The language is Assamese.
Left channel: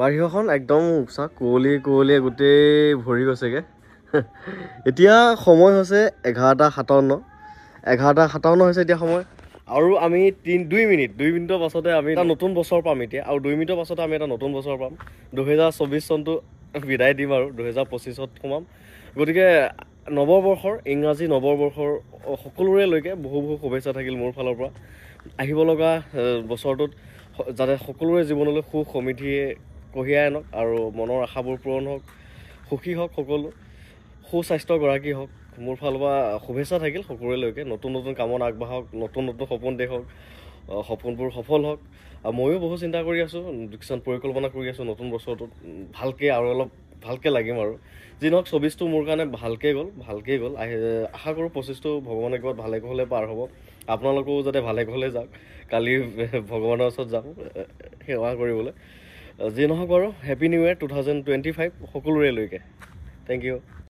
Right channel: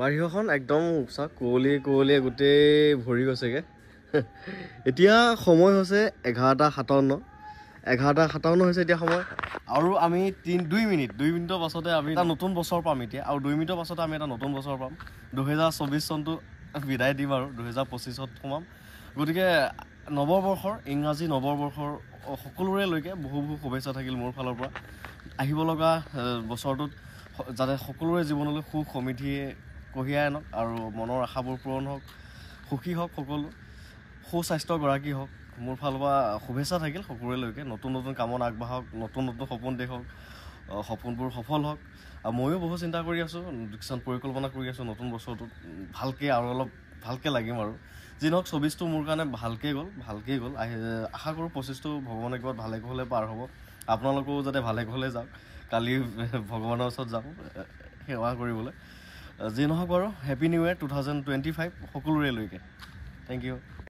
বাৰিষাখন একদম উচা কুঁৱলীয়ে গোটেই ভৰি গৈছেগে এতিয়া সময় হৈছে 11:57 হৈছে এতিয়া সময় আৰু আমি 2 মিনিটৰ পাছতে আমি এটা নতুন বছৰ পাম এতিয়া আৰু 2 মিনিটৰ পাছতে আমি এটা নতুন বছৰ পাম 2024 চনটো বিদায় দিম আৰু 2025ত সোমাম গতিকে নৱবৰ্ষৰ ইংৰাজী নৱবৰ্ষৰ সকলোৰে লৈকে বহু শুভেচ্ছা থাকিল মোৰ ফালৰ পৰা আহিব লগা বছৰটোত যাতে সকলোৰে জীৱনলৈ সুখ সমৃদ্ধিয়ে কঢ়িয়াই আনক আৰু মনৰ আশাবোৰ পূৰণ হওক সুখী হওক সকলো সুস্বাস্থ্য গৰাকী হওক মোৰ ফালৰ পৰা শুভেচ্ছা থাকিল সকলোৰে লৈকে নতুন কামত আগবাঢ়ক নতুন সপোন দেখক সপোনবোৰ সফল হওক আৰু ময়ো বহু চিন্তা কৰি আছোঁ কিছুমান পৰিকল্পনা কৰি আছোঁ নতুন বছৰটোত ভালকৈ আৰু অলপ ভালকৈ লাগিম আৰু যি নহওক 24টো মোৰ কাৰণে ভালকৈ গ'ল আশা কৰোঁ 25টো ভগৱানে কিবা ভালে কুশলে পাৰ হ'ব আপোনালোকেও যাতে ভালে কুশলে যাওক কালি ভগৱানৰ ওচৰত যাম সেৱা কৰিবলৈ যি নহওক বাৰু হেপী নিউ ইয়েৰ 2025 সকলোৰে লৈকে থেংক ইউ